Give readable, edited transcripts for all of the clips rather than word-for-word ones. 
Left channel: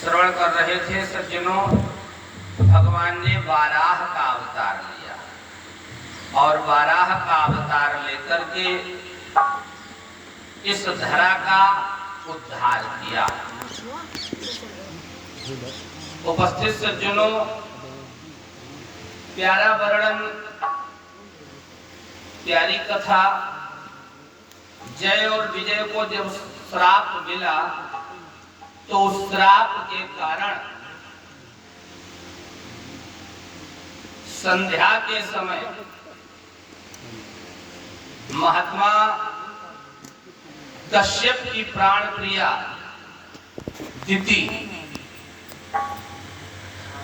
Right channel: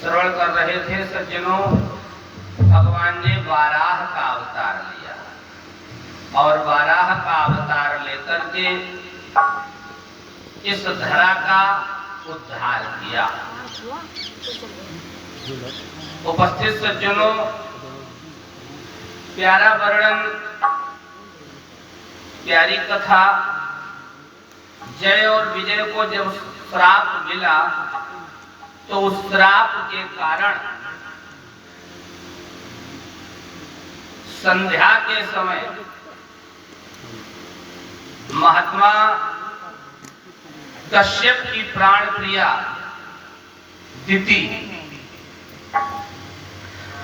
श्रवण कर रहे थे सज्जनों, भगवान ने वाराह का अवतार लिया और वाराह का अवतार लेकर के इस धरा का उद्धार किया। उपस्थित सज्जनों, प्यारा वर्णन, प्यारी कथा। जय और विजय को जब श्राप मिला तो उस श्राप के कारण संध्या के समय महात्मा कश्यप की प्राण प्रिया दिति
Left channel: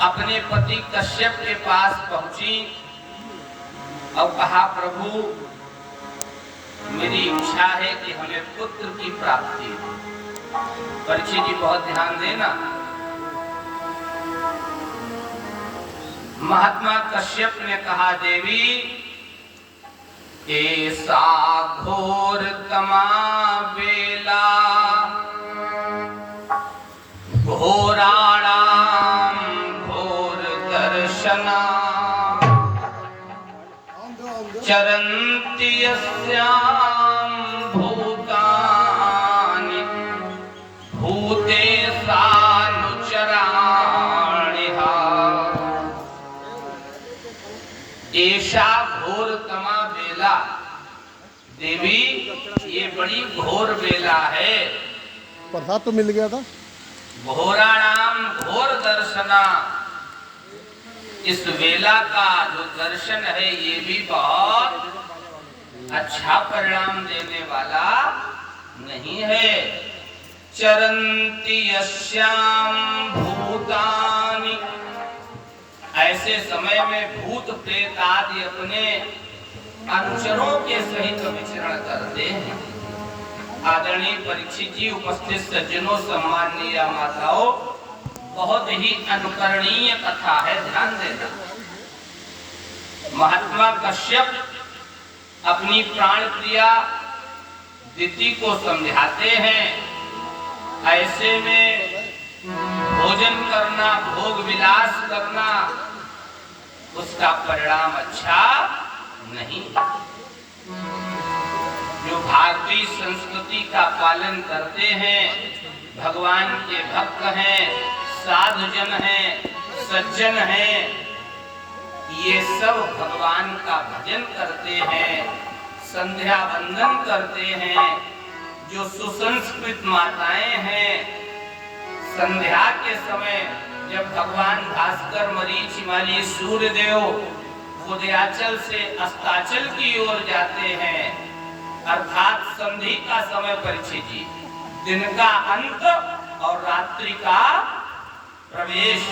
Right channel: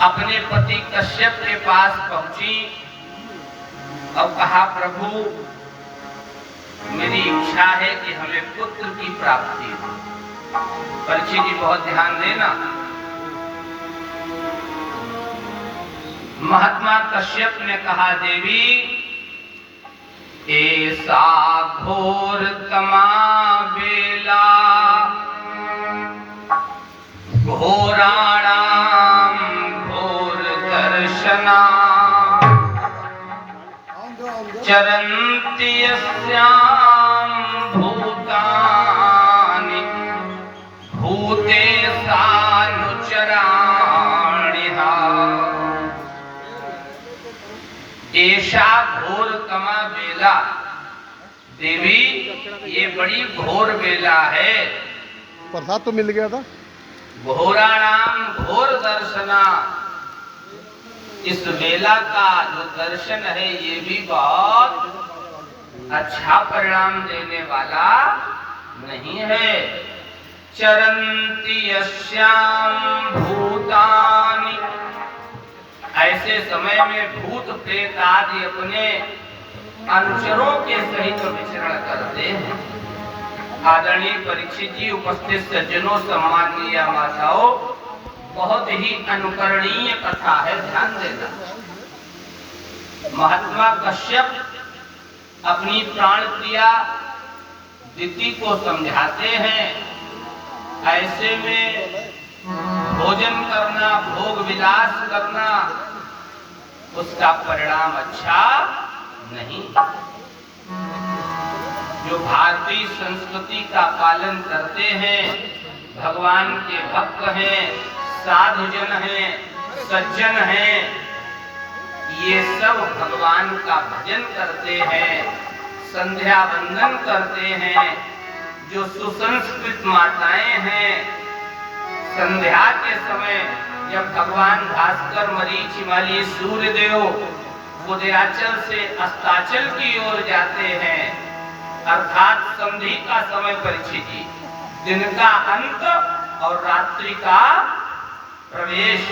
अपने पति कश्यप के पास पहुंची और कहा, प्रभु मेरी इच्छा है कि हमें पुत्र की प्राप्ति हो। परीक्षित जी बहुत ध्यान देना। महात्मा कश्यप ने कहा, देवी ऐसा घोर तमा बेला घोराणाम घोर दर्शना चरन्ति यस्याम भूतानि भूतेशानुचराणिहा। ऐसा घोर तमा बेला, देवी ये बड़ी घोर बेला है। प्रसाद तो मिल गया था। घोराणाम घोर दर्शना, इस वेला का जो दर्शन है ये भी बहुत अच्छा परिणाम देने वाला नहीं है। चरन्ति यस्याम भूतानि, ऐसे समय में भूत प्रेत आदि अपने अनुचरों के सहित विचरण करते हैं। आदरणीय परीक्षित जी, उपस्थित सज्जनों, सम्माननीय माताओं, बहुत ही अनुकरणीय कथा है, ध्यान देना। महात्मा कश्यप अपनी प्राण प्रिया दिति को समझाते हैं, ऐसे में भोजन करना, भोग विलास करना, उसका परिणाम अच्छा नहीं। जो भारतीय संस्कृति का पालन करते हैं, भगवान के भक्त हैं, साधुजन हैं, सज्जन हैं, ये सब भगवान का भजन करते हैं, संध्या वंदन करते हैं। जो सुसंस्कृत माताएं हैं, संध्या के समय जब भगवान भास्कर, मरीचिमाली, सूर्यदेव उदयाचल से अस्ताचल की ओर जाते हैं, अर्थात संधि का समय, परीक्षित जी, दिन का अंत और रात्रि का प्रवेश,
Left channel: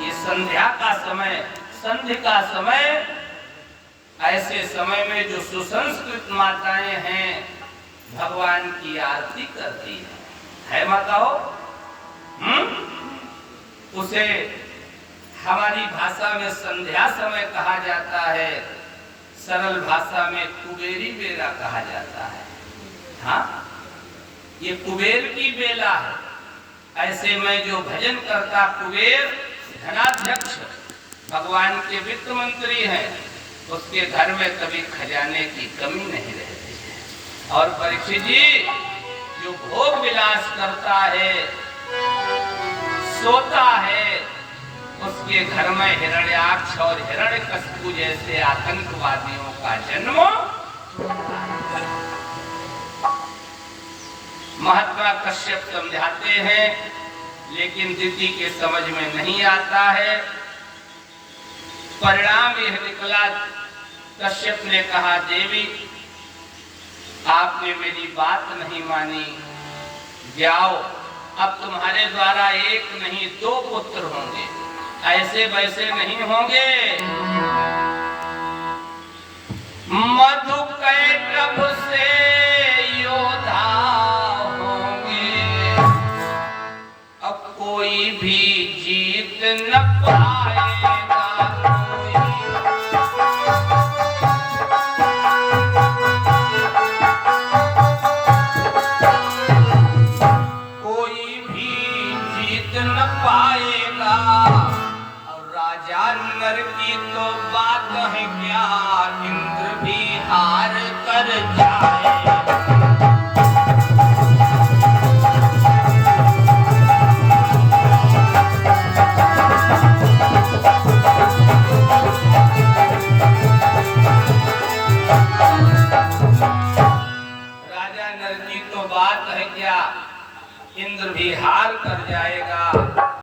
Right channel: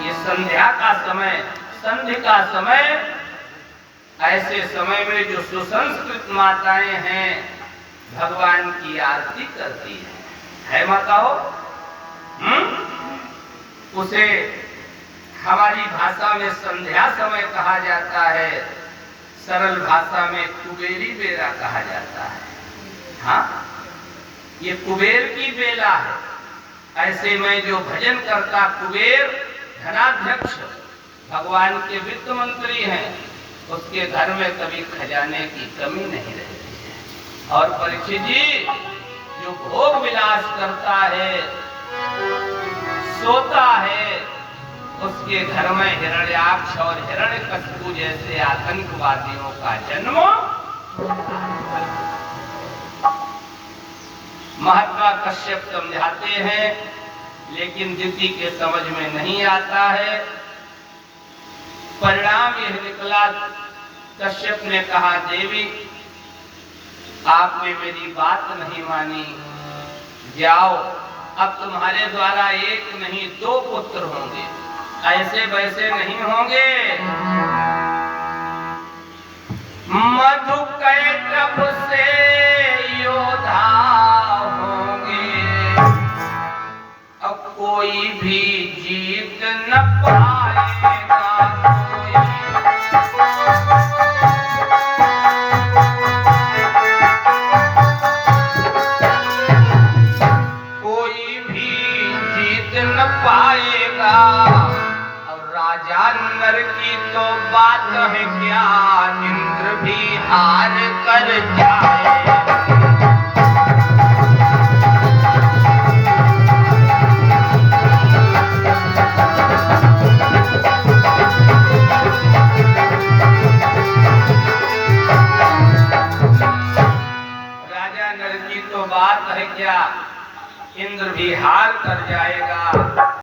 ये संध्या का समय, संधि का समय। ऐसे समय में जो सुसंस्कृत माताएं हैं, भगवान की आरती करती है माताओ। उसे हमारी भाषा में संध्या समय कहा जाता है, सरल भाषा में कुबेरी बेला कहा जाता है। हाँ, ये कुबेर की बेला है। ऐसे में जो भजन करता कुबेर, धनाध्यक्ष, भगवान के वित्त मंत्री हैं, उसके घर में कभी खजाने की कमी नहीं रहती है। और परीक्षित जी, जो भोग विलास करता है, सोता है, उसके घर में हिरण्याक्ष और हिरण्यकशिपु जैसे आतंकवादियों का जन्म। महात्मा कश्यप समझाते हैं, लेकिन दिति के समझ में नहीं आता है। परिणाम यह निकला, कश्यप ने कहा, देवी आपने मेरी बात नहीं मानी, जाओ, अब तुम्हारे द्वारा एक नहीं 2 पुत्र होंगे, ऐसे वैसे नहीं होंगे। मधुकैटभ से योद्धा होंगे, अब कोई भी जीत न पाएगा। कोई भी जीत जीत न पाएगा। और राजा नर की तो बात है क्या, इंद्र भी हार कर जाए। राजा नर की तो बात है क्या, इंद्र भी हार कर जाएगा।